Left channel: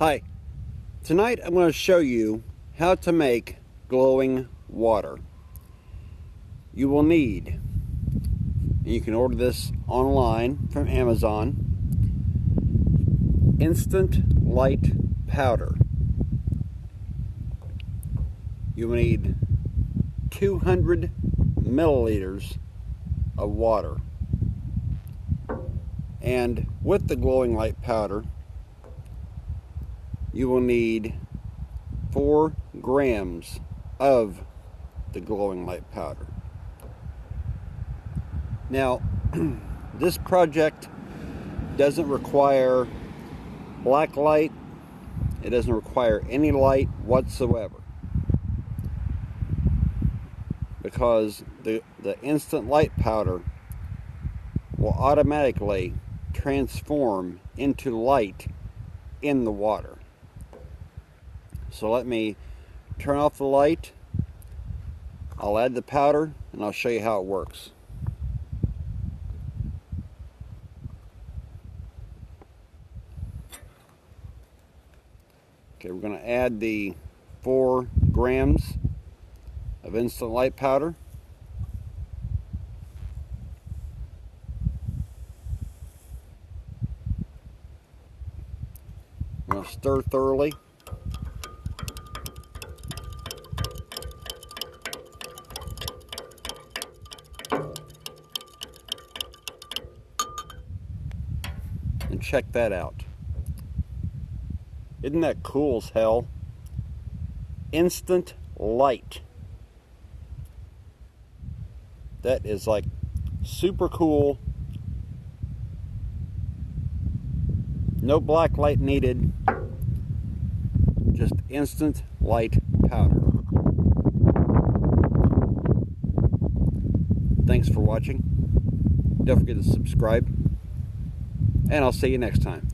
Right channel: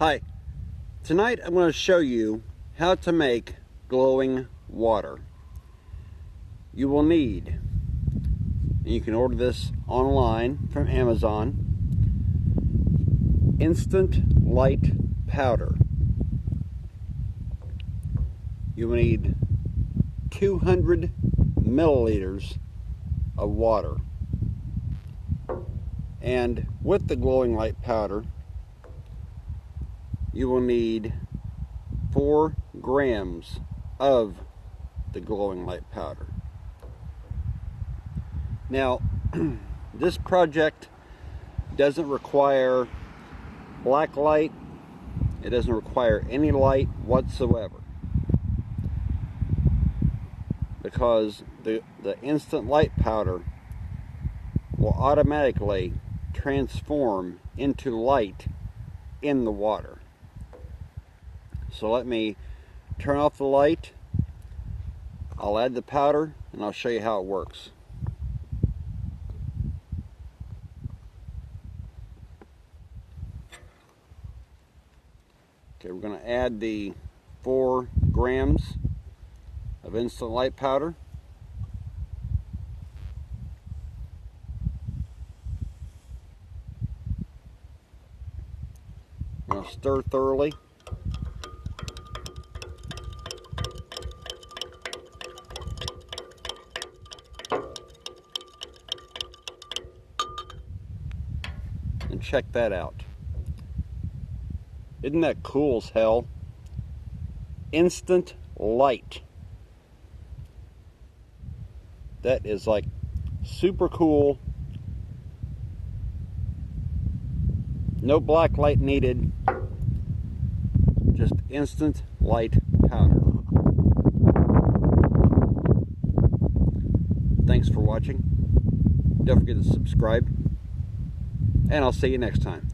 Hi, tonight I'm going to show you how to make glowing water. You will need, and you can order this online from Amazon, instant light powder. You will need 200 milliliters of water. And with the glowing light powder, you will need 4 grams of the glowing light powder. Now, this project doesn't require black light. It doesn't require any light whatsoever, because the instant light powder will automatically transform into light in the water. So let me turn off the light. I'll add the powder and I'll show you how it works. Okay, we're going to add the 4 grams of instant light powder. I'm going to stir thoroughly. And check that out. Isn't that cool as hell? Instant light. That is like super cool. No black light needed. Just instant light powder. Thanks for watching. Don't forget to subscribe. And I'll see you next time.